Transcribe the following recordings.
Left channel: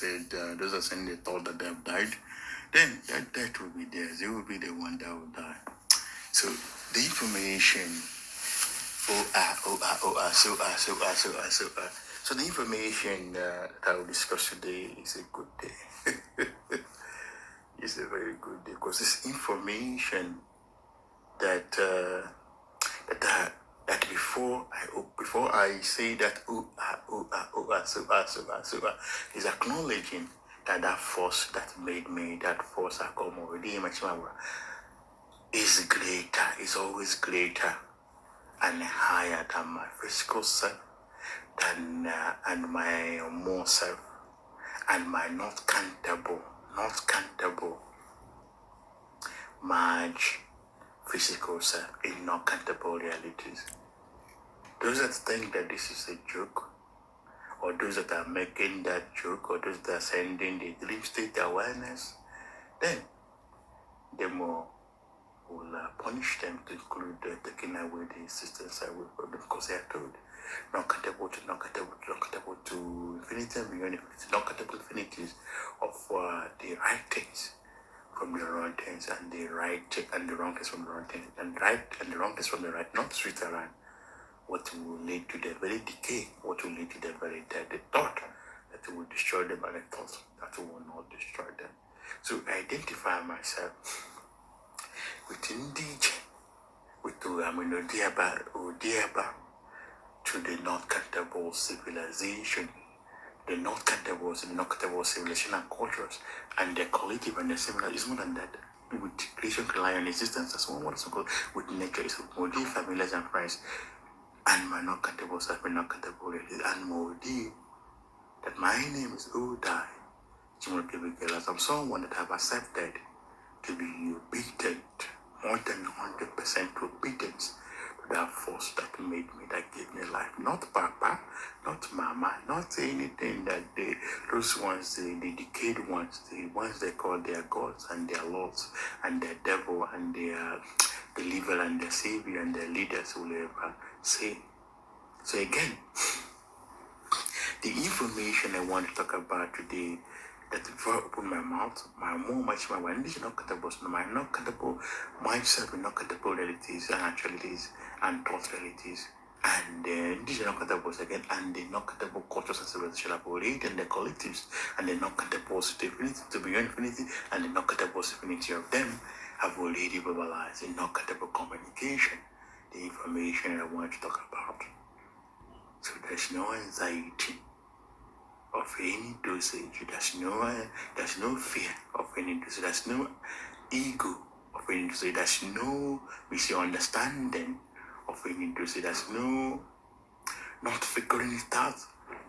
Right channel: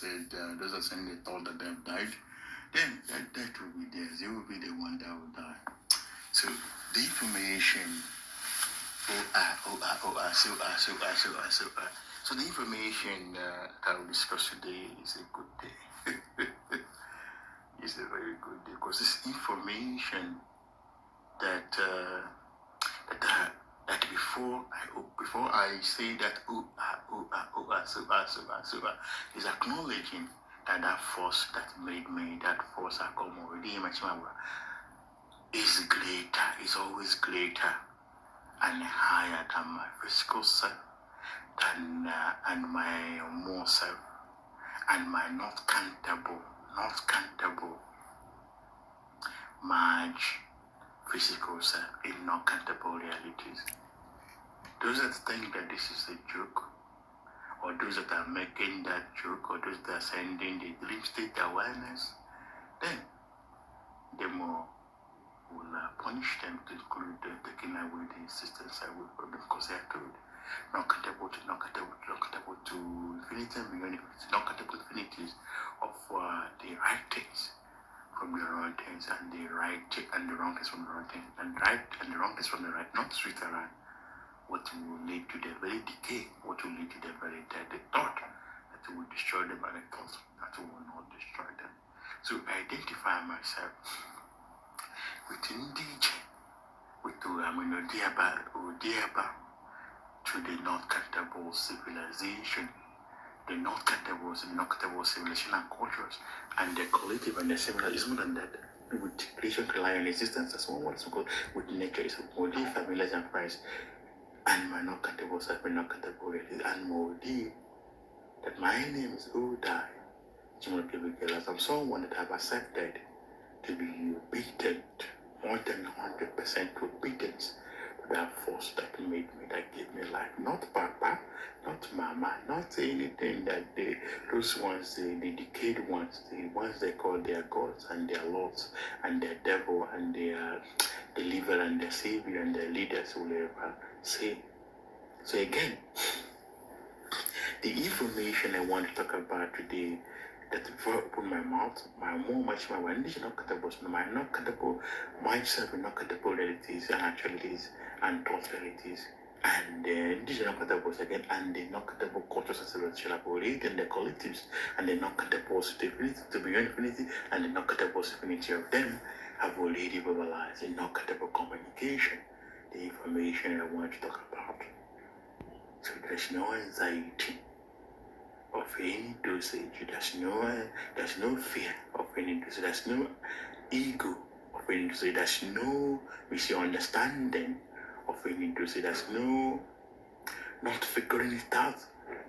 said, those are saying they thought that they have died, then that death will be theirs. They will be the one that will die. So the information, so the information that I will discuss today is a good day. It's a very good day because it's information that that before I say that is acknowledging that force that made me, that force I come already is greater, is always greater and higher than my physical self, than and my more self, and my not countable much physical self in not countable realities. Those that think that this is a joke, or those that are making that joke, or those that are sending the dream state awareness, then the more will punish them to include taking away the existence away from them, because they are told not countable to infinity and beyond infinity, not countable infinities of the right things from the wrong things, and the right and the wrong things from the wrong things, and right and the wrong things from the right, not straight around. What will lead to their very decay, what will lead to their very death, the thought that will destroy them, and the thought that will not destroy them. So I identify myself within DJ, with Odiaba, to the not countable civilization, the not countable civilization and cultures, and their collective and their similar is more than that. With creation, rely on existence as one what's called with nature is more familiars and friends. And my not countable self, my not countable reality, and more that my name is Odai. I'm someone that have accepted to be obedient, more than 100% obedience to that force that made me, that gave me life. Not Papa, not Mama, not anything that those ones, the decayed ones, the ones they call their gods and their lords and their devil and their deliverer and their savior and their leaders will ever say. So again, the information I want to talk about today, that before I open my mouth, my not countable myself, not countable realities and actualities and thought realities, and these are not countable again, and the not countable cultures and civilization and the collectives, and the not countable infinity to beyond infinity, and the not countable infinity of them have already verbalized in not countable communication the information I want to talk about. So there's no anxiety of any dosage, there's no fear of any dosage, there's no ego of any dosage, there's no misunderstanding of any dosage, there's no not figuring it out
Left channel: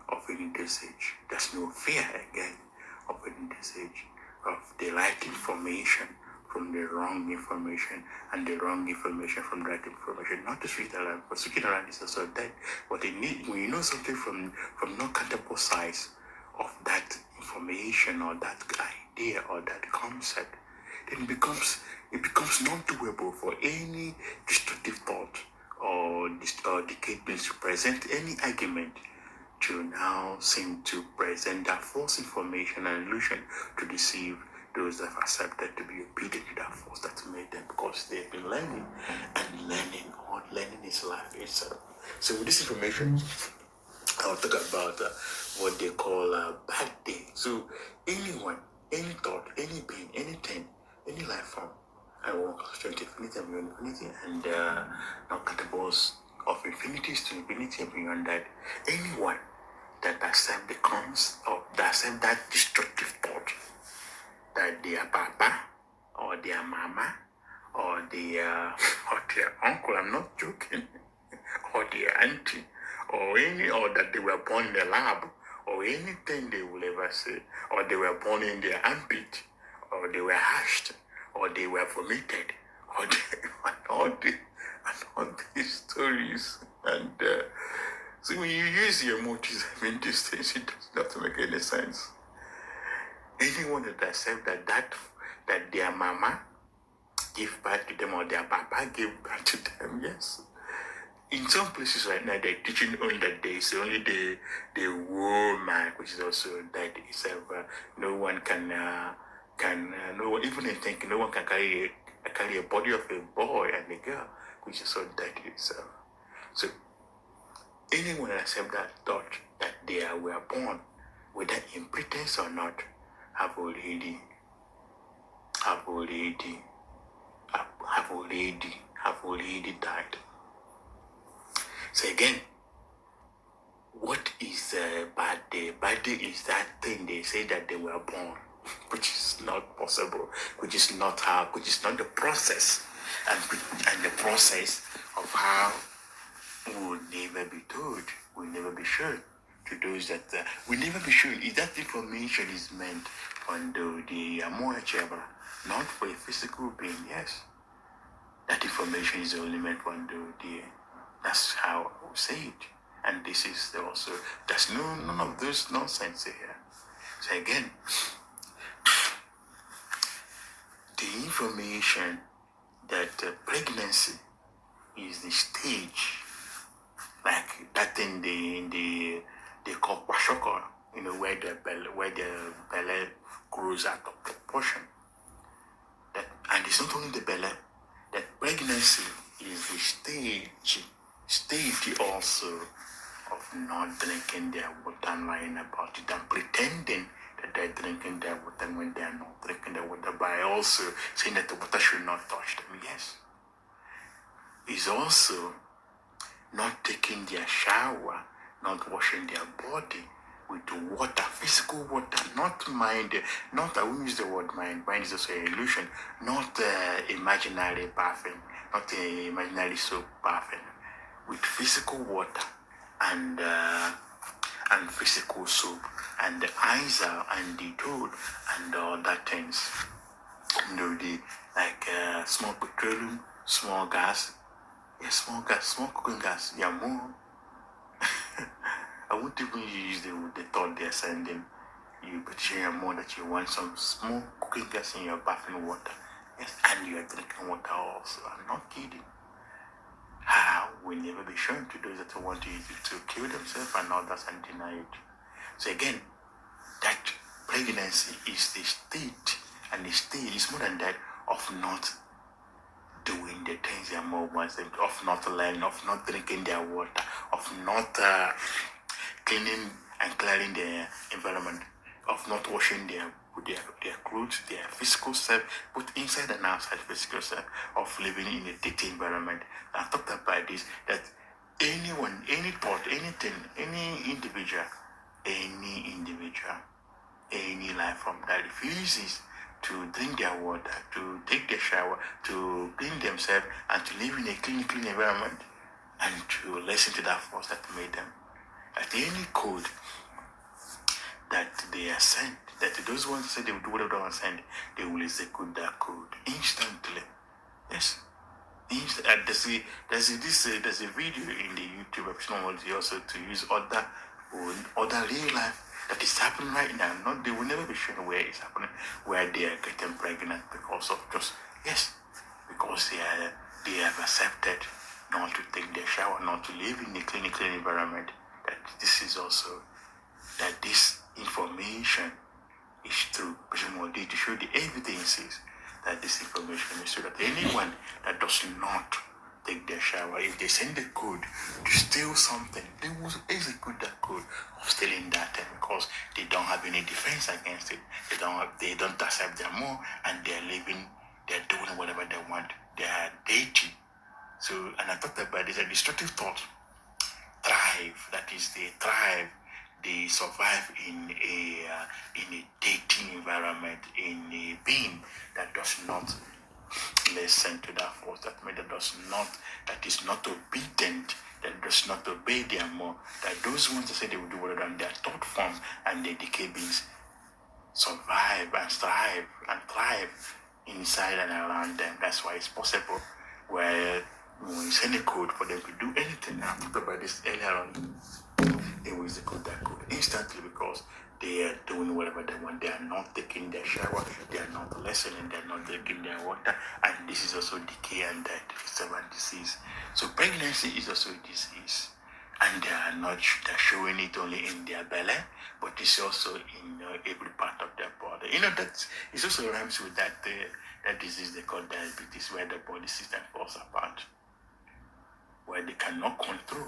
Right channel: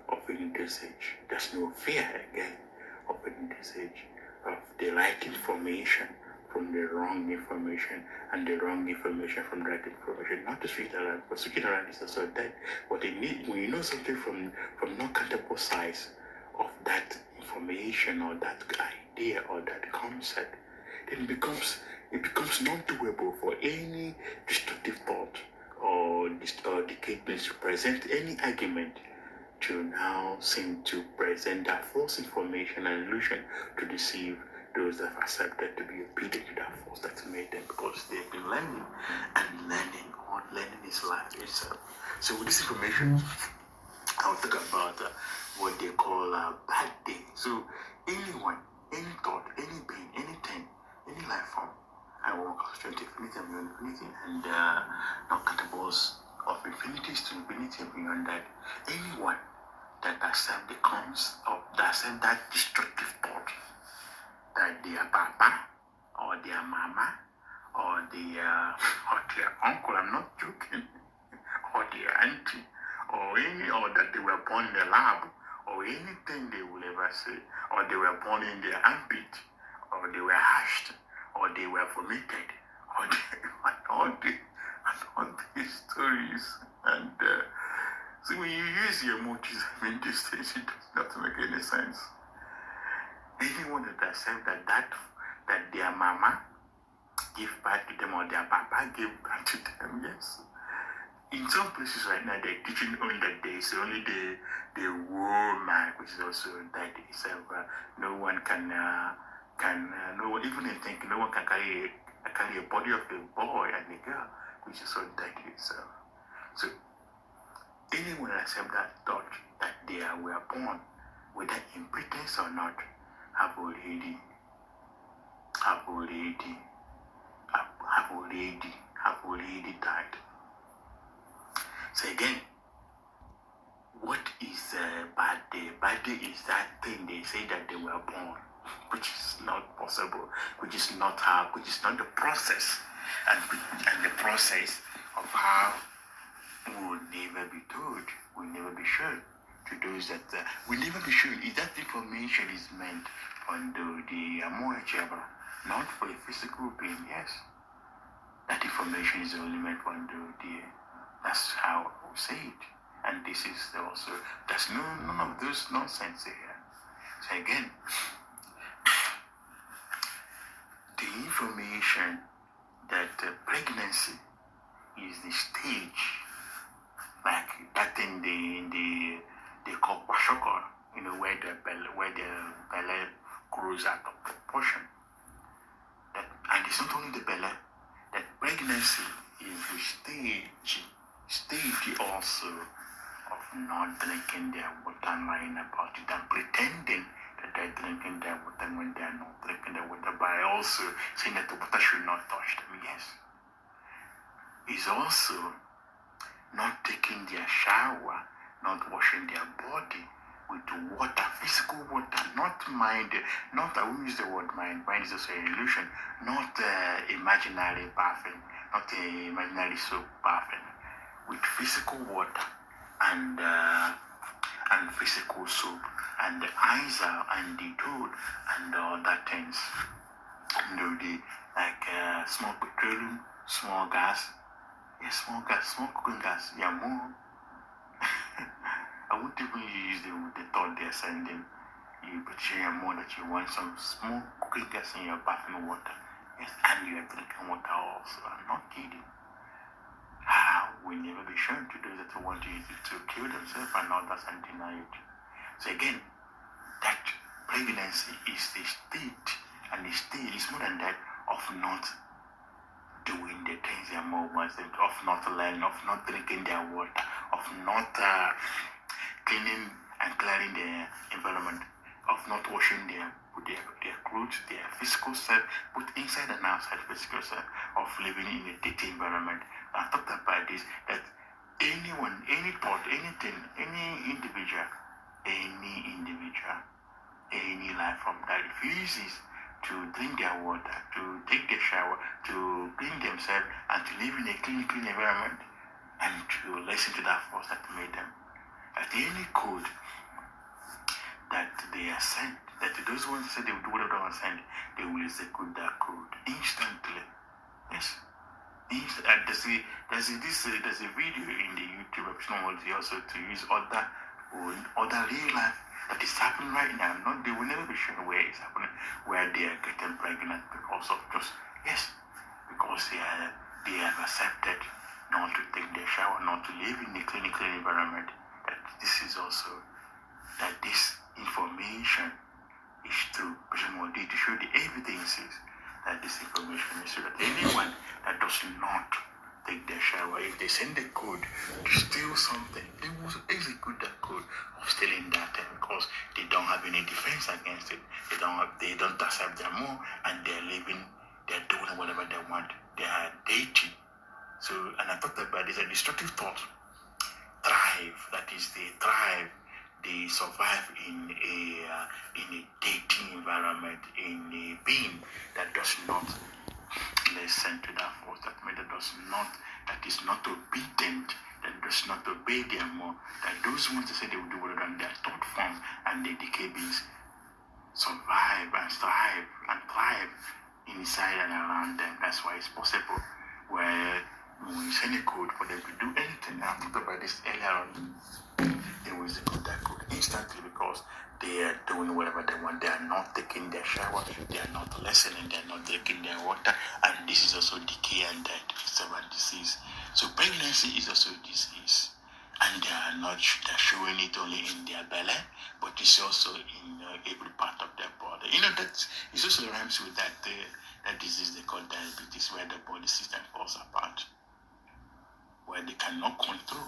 of any dosage, there's no fear again of any dosage, of the right information from the wrong information, and the wrong information from the right information. Not to switch around, but switching around is also dead. But they need, when you know something from not countable sides of that information or that idea or that concept, then it becomes not doable for any destructive thought or decayed beings to present any argument to now seem to present that false information and illusion to deceive those that have accepted to be obedient to that force that made them, because they've been learning, and learning is life itself. So with this information, I'll talk about what they call a bad day. So anyone, any thought, any being, anything, any life form, I walk straight to infinity and beyond infinity, and not categories of infinities to infinity and beyond that. Anyone that accept the comes of that accept that destructive thought, that their papa or their mama or their uncle, I'm not joking, or their auntie, or that they were born in the lab, or anything they will ever say, or they were born in their armpit, or they were hashed, or they were vomited, or all these stories. And so when you use your motives, these things, it does not make any sense. Anyone that accepts that their mama gave birth to them or their papa gave birth to them, yes, in some places right now they're teaching only that there's only the woman, which is also that itself. No one can no one, even I think no one can carry a body of a boy and a girl, which is so that itself. So anyone accept that thought that they were born, whether in pretense or not, have already died. So again, what is bad day? Bad day is that thing they say that they were born, which is not possible, which is not the process, and the process of how we will never be told, will never be shown to those that will never be shown. Is that information is meant for the Amoacheba, not for a physical being? Yes, that information is only meant for the. That's how I will say it. And this is also, there's none of those nonsense here. So again, the information that pregnancy is the stage, like that thing they call kwashoko, where the belly grows out of proportion. That, and it's not only the belly, that pregnancy is the stage also of not drinking their water and lying about it and pretending that they're drinking their water when they are not drinking their water, by also saying that the water should not touch them. Yes. It's also not taking their shower, not washing their body with water, physical water, not mind, not, I won't use the word mind is also an illusion, not imaginary bathing, not imaginary soap bathing, with physical water and physical soap and the Isa and the toad and all that things. The like small petroleum, small gas, small cooking gas, more. I won't even use the thought they're sending. You petition more that you want some small cooking gas in your bathing water. Yes, and you are drinking water also. I'm not kidding. How will never be shown to those that want to kill themselves and others and deny it. So again, that pregnancy is the state, and the state is more than that of not doing the things they are more wants, of not learning, of not drinking their water, of not cleaning and clearing their environment, of not washing their clothes, their physical self, both inside and outside physical self, of living in a dirty environment. And I talked about this, that anyone, any thought, anything, any individual, any life form that refuses to drink their water, to take their shower, to clean themselves, and to live in a clean environment, and to listen to that force that made them. At any code that they are sent, that those ones say they will do whatever they want to send, they will execute that code instantly. Yes. There's a video in the YouTube option also to use other real life that is happening right now. They will never be shown where it's happening, where they are getting pregnant because of because they have accepted not to take their shower, not to live in a clean environment. That this is also, that this information is true. Presumably to show the evidences that this information is true. That anyone that does not take their shower, if they send the code to steal something, they will execute that code of stealing that thing, because they don't have any defense against it. They don't accept their more, and they're doing whatever they want. They are dating. So, and I talked about this, a destructive thought thrive. That is, they survive in a dating environment, in a being that does not listen to that force, that is not obedient, that does not obey their more, that those ones that say they will do whatever on their thought form and the decay beings survive and thrive inside and around them. That's why it's possible where when you send a code for them to do anything, I talked about this earlier on, they will execute that code instantly, because They are doing whatever they want. They are not taking their shower. They are not listening. They are not taking their water. And this is also decay and death. It's a disease. So pregnancy is also a disease. And they are not they're showing it only in their belly, but it's also in every part of their body. That it also rhymes with that disease they call diabetes, where the body system falls apart, where they cannot control.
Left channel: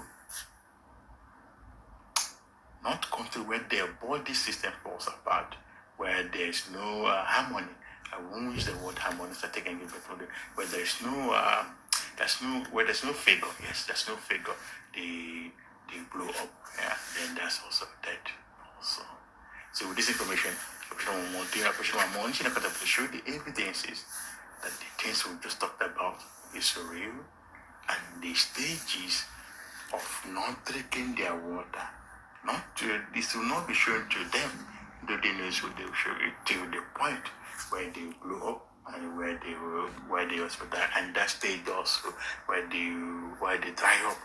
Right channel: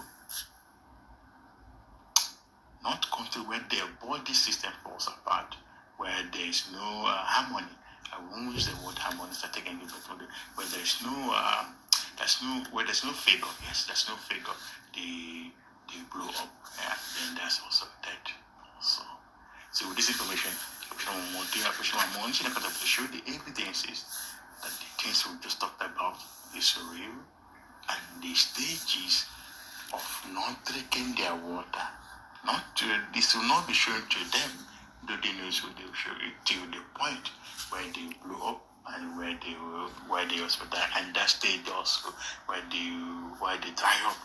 Not control, where their body system falls apart, where there's no harmony. I won't use the word harmony, so I can give it to where there's no figure. Yes, there's no figure. They blow up. Yeah, then that's also dead. Also, so with this information, I want to show the evidences that the things we just talked about is real, and the stages of not drinking their water. This will not be shown to them, though they know so they will show it till the point where they blow up and where they hospital, and that stage also where they dry up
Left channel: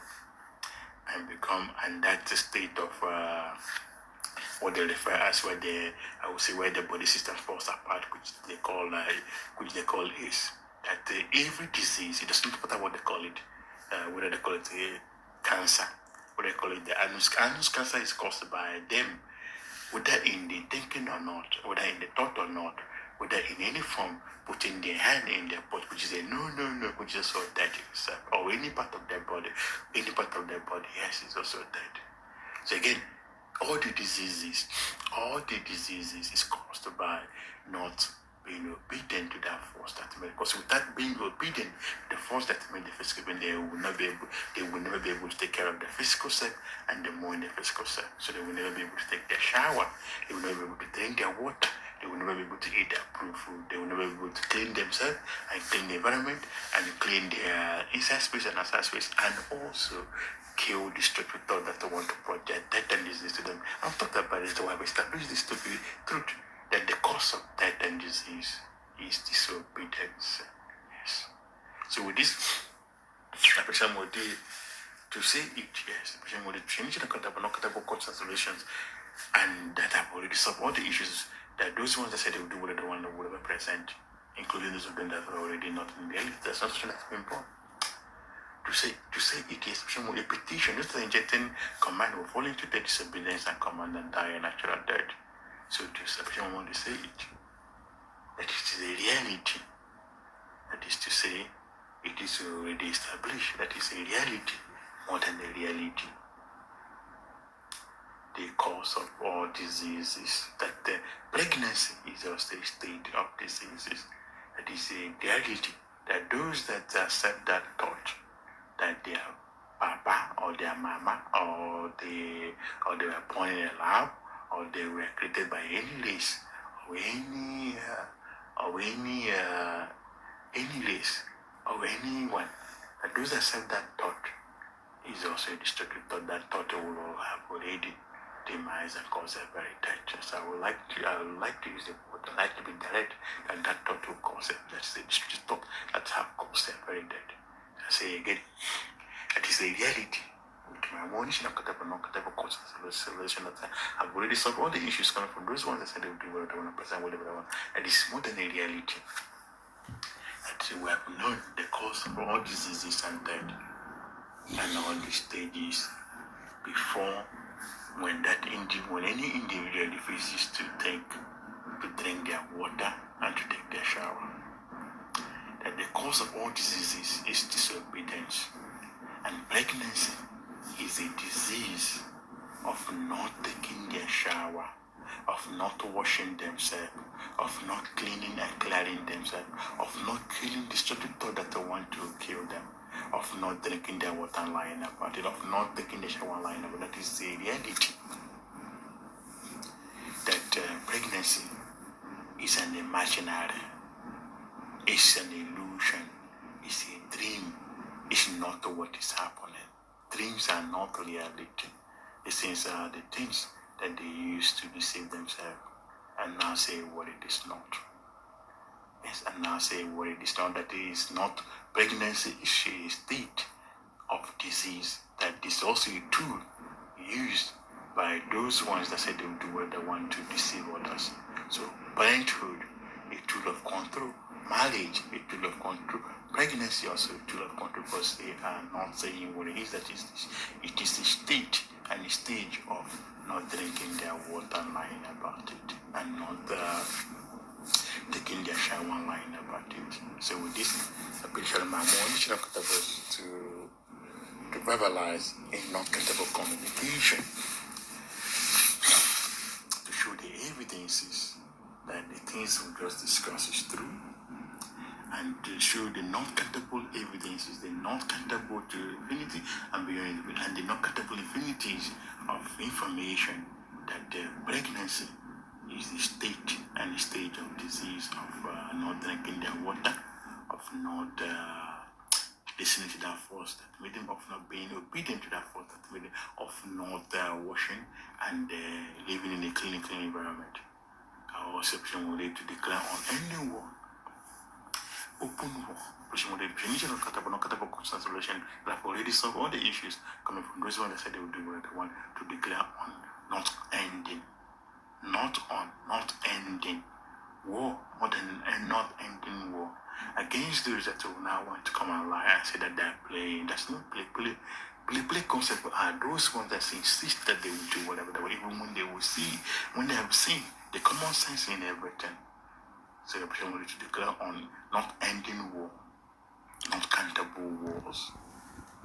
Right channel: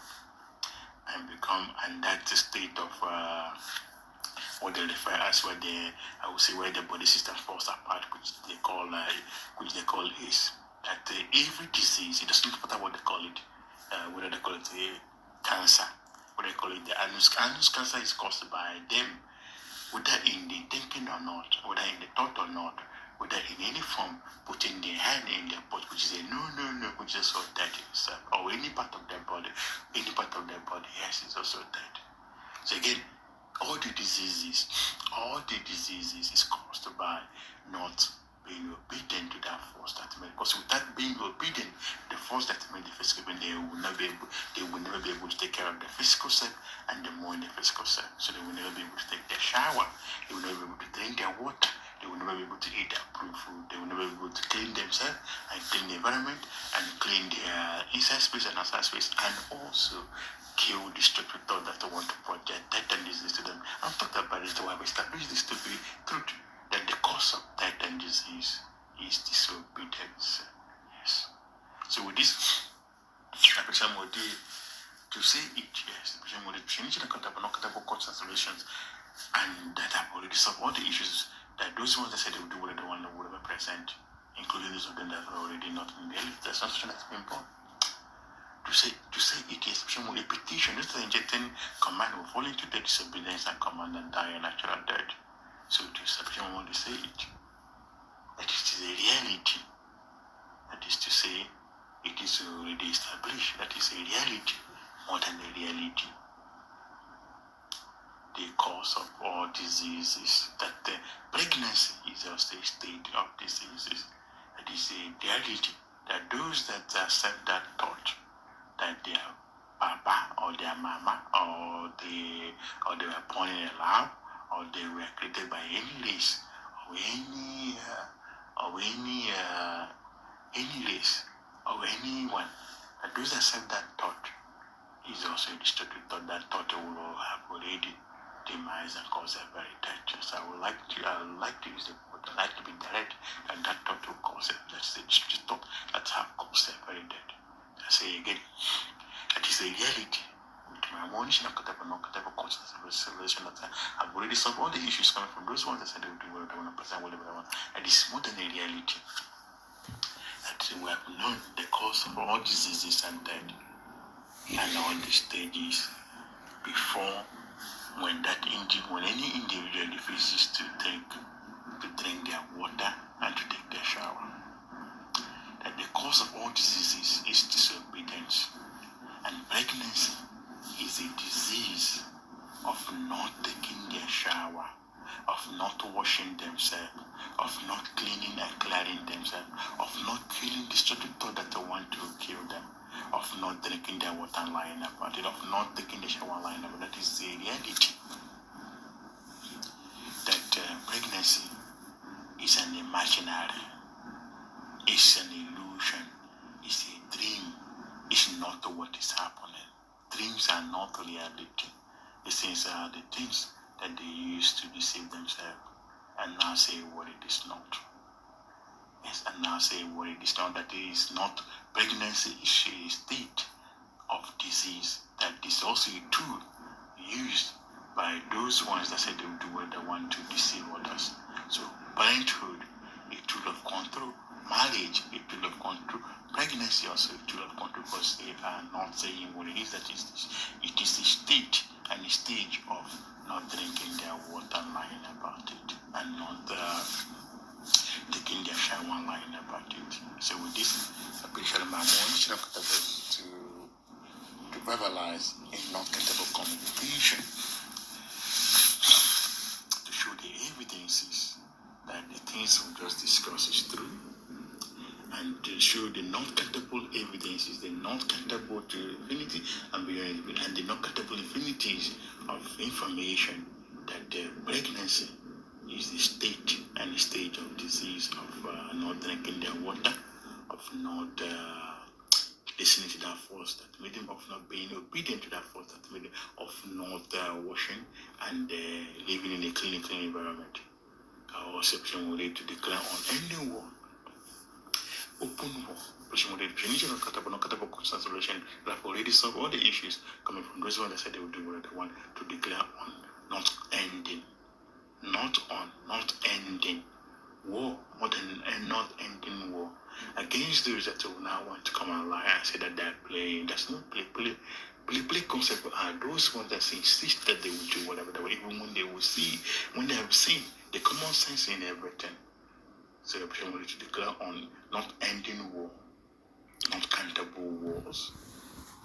and become, and that's the state of what they refer as where the body system falls apart, which they call is that every disease, it doesn't matter what they call it, whether they call it cancer, what they call it, the anus cancer is caused by them, whether in the thinking or not, whether in the thought or not, whether in any form putting their hand in their pot, which is a no, which is also dead itself, or any part of their body, yes, it's also dead. So again, all the diseases is caused by not being obedient to that force that made. Because without being obedient, the force that made the physical being, they will never be able to take care of the physical self and the more in the physical self. So they will never be able to take their shower. They will never be able to drink their water. They will never be able to eat their approved food. They will never be able to clean themselves and clean the environment and clean their inside space and outside space, and also kill the destructive thought that they want to project death and disease to them. I'm talking about this, so I've established this to be truth, that the cause of death and disease is disobedience. Yes. So with this, I person will do to say it, yes. The person will change the contact considerations, and that I've already solved all the issues that those ones that said they would do whatever they want or whatever present, including those of them that are already not in reality. That's not something that's been born. To say it is more repetition, just the injecting command will fall into the disobedience and command and die a natural death. So to sufficient want to say it, that it is a reality. That is to say, it is already established. That is a reality more than a reality. The cause of all diseases, that the pregnancy is also a state of diseases. That is a reality. That those that accept that thought, that their papa or their mama or they were born in a lab, or they were created by any race or any race or anyone, that those that accept that thought is also a destructive thought. That thought will have already demise and cause a very death. So I would like to use the word, I like to be direct, and that thought will cause it. That's the destructive thought that have caused a very death. I say again, that is a reality. With my own consideration that I've already solved all the issues coming from those ones that said they would do whatever they want, present whatever they want. And it's more than a reality. That we have known the cause of all diseases and death and all the stages before when any individual refuses to drink their water and to take their shower. That the cause of all diseases is disobedience, and pregnancy is a disease of not taking their shower, of not washing themselves, of not cleaning and clearing themselves, of not killing destructive thought that they want to kill them, of not drinking their water and lying about it, of not taking the shower and lying about it. That is the reality. That pregnancy is an imaginary, it's an illusion, it's a dream, it's not what is happening. Dreams are not reality. These things are the things that they use to deceive themselves and now say what it is not. Yes, and now say what it is not, that it is not. Pregnancy is a state of disease, that is also a tool used by those ones that say they will do what they want to deceive others. So parenthood, a tool of control. Marriage, a tool of control. Pregnancy also a tool of control, because they are not saying what it is. That is, it is the state and the stage of not drinking their water, lying about it, and not taking their shower, lying about it. So with this, I'm more additional to verbalize a non-countable communication, to show the evidences that the things we just discussed is true, and to show the non-countable evidences, the non-countable to infinity and beyond, and the non-countable infinities of information that pregnancy is the state and the stage of disease of not drinking their water, of not listening to that force that made him, of not being obedient to that force that made him, of not washing and living in a clean environment. Our exception will lead to declare on any war, open war. That have already solved all the issues coming from those ones that said they would do what they want, to declare on, not ending, not ending war, more than not ending war against those that will now want to come and lie and say that they're playing. That's not play concept. Are those ones that insist that they will do whatever they will, even when they will see, when they have seen the common sense in everything. So the person will to declare on not ending war, not countable wars,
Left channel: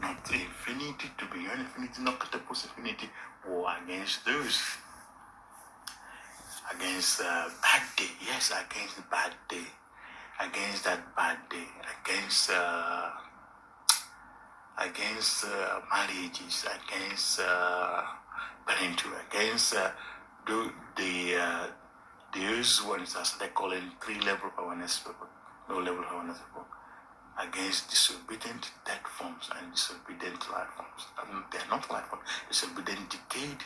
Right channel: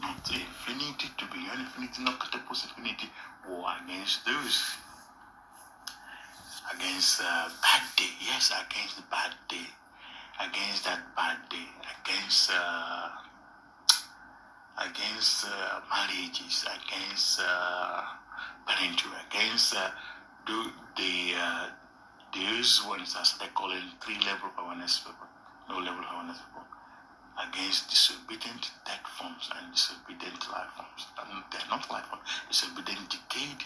not infinity to beyond infinity, not countable infinity, war against those, against bad day, yes, against the bad day, against that bad day, against marriages, against parenthood, against those ones that they call it 3-level awareness people, low-level awareness people, against disobedient dead forms and disobedient life forms. They are not life forms, disobedient, decayed,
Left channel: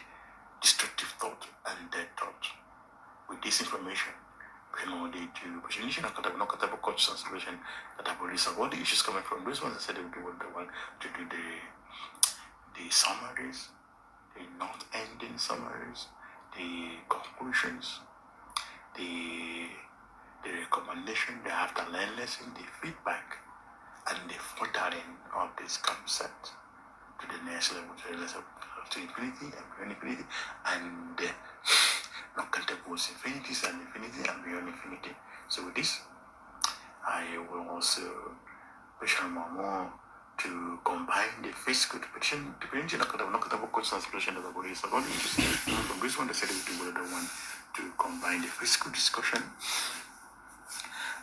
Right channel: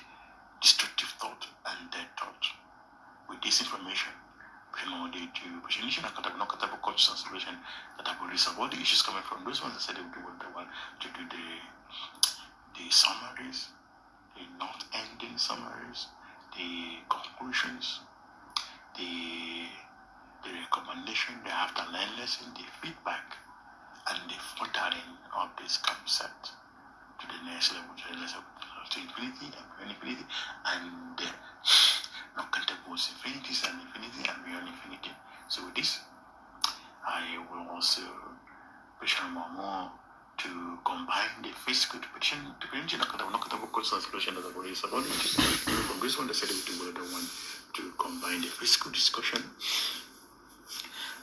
destructive thought and dead thought. With this information, they do presentation and countable conscious transformation that have already solved all the issues coming from those ones that said they would do what they want to do, the summaries, the not ending summaries, the conclusions, the recommendation, the after learn lesson, the feedback, and the furthering of this concept to the next level, to infinity and beyond infinity, and not countable infinities and infinity and beyond infinity. So with this, I will also push on more to combine the physical depiction, not countable constant solution that I've already solved. From this one, they said they would do what they want to combine the physical discussion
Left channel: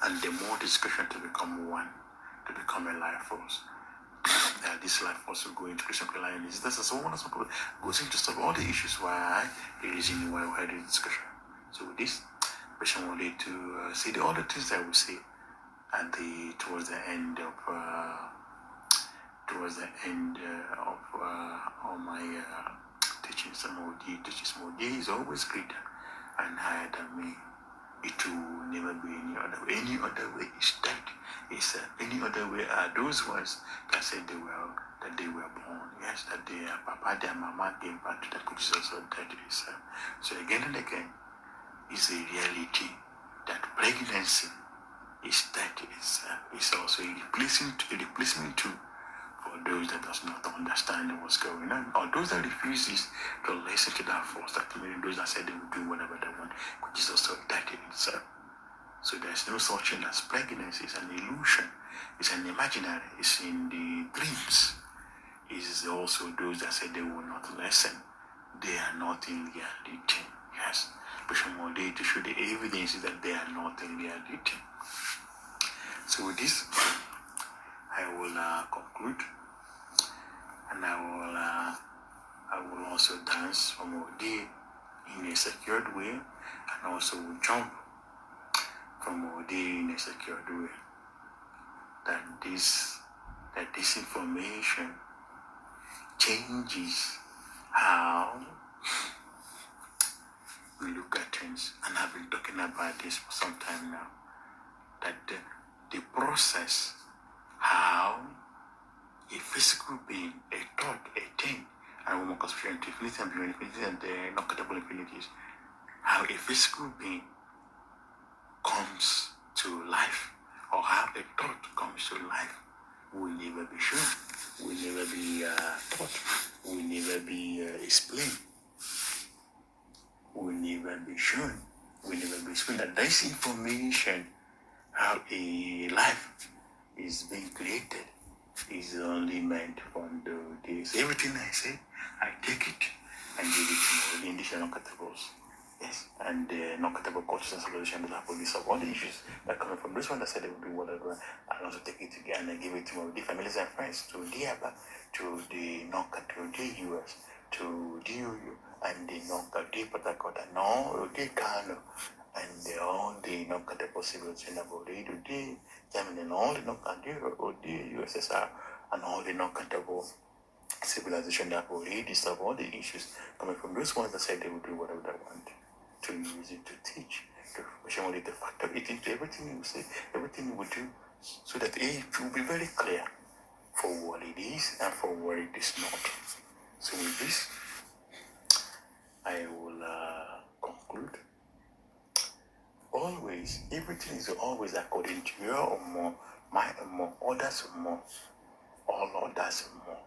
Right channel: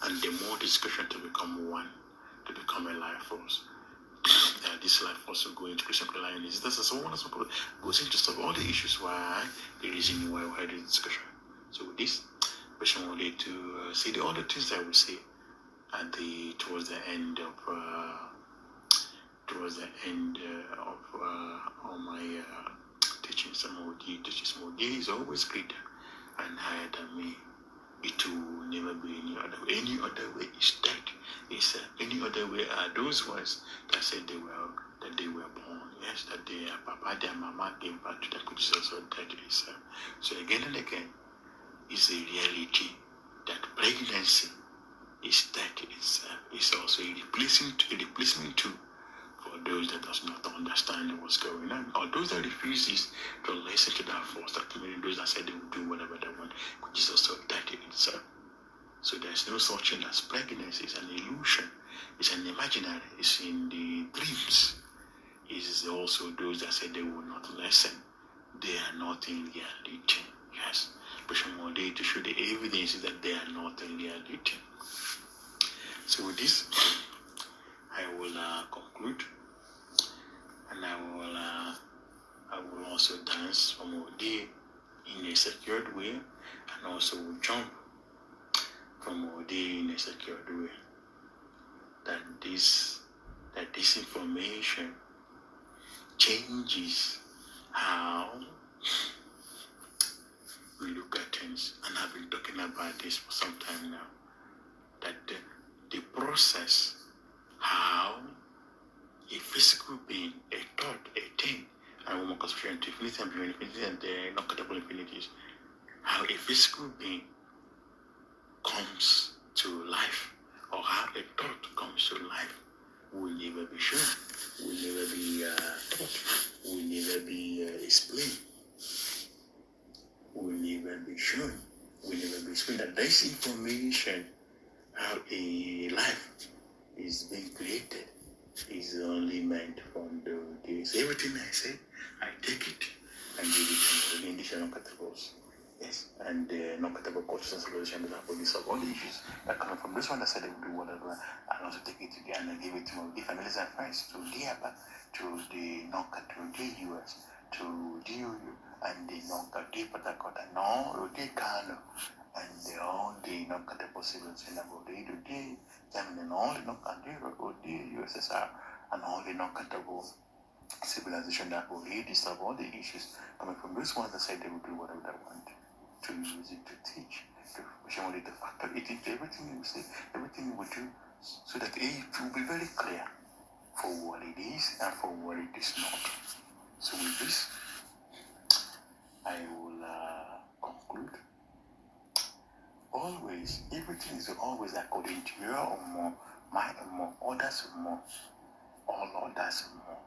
and the more discussion to become one, to become a life force. This life force will go into Christian alliances. This is one that goes into solve all the issues why the reason why we had this discussion. So with this, person will need to say the other things that I will say at towards the end of all my teachings. Teachings mode is always greater and higher than me. It will never be any other way. Any other way is dead. It's any other way are those ones that said they were born. Yes, that their papa, their mama gave back to the which is also dead itself. So again and again, is a reality that pregnancy is dead itself. It's also a replacement tool for those that does not understand what's going on, or those that refuses to listen to that force, that meaning those that said they will do whatever they want, which is also dead in itself. So there's no such thing as pregnancy. It's an illusion. It's an imaginary. It's in the dreams. It's also those that say they will not listen. They are not in reality. Yes. But one day to show the evidence that they are not in reality. So with this, I will conclude, and I will also dance from Odi in a secured way, and also will jump from Odi in a secured way. That this information changes how we look at things, and I've been talking about this for some time now. That the process, how a physical being, a thought, a thing, and one more conspiration to infinity and beyond infinity and the non-countable infinities. How a physical being comes to life, or how a thought comes to life, will never be shown, will never be taught, will never be explained, will never be shown, will never be explained. That this information, how a life is being created, is only meant for this. Everything I say, I take it and give it to the additional categories. Yes, and the non-category cultures and civilizations that have this of all the issues that come from this one that said they would do whatever, and also take it again and give it to the families and friends, to the ABBA, to the non-category US, to the UU, and the non-category Patakota, no, the Kano, and all the non-category civilizations that would do the Germany, and all the non-category USSR, and all the non-category civilization that will really disturb all the issues coming from those ones that said they will do whatever they want, to use it to teach, to factor it into everything you say, everything you will do, so that it will be very clear for what it is and for what it is not. So with this, I will conclude. Always, everything is always according to your or more, my or more, others or more, all others or more.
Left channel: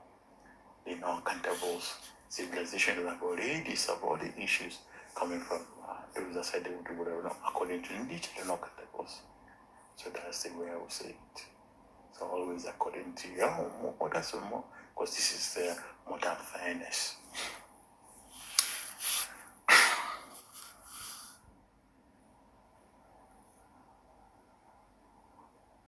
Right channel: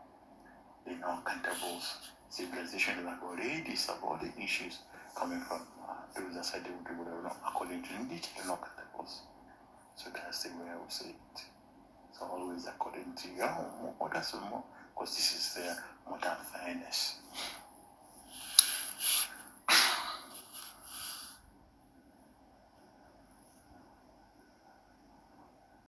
The non-countables civilization that have already solved all the issues coming from those that said they would do whatever, according to indeed the non-countables. So that's the way I would say it. So always according to your more, others or more, because this is the modern fairness.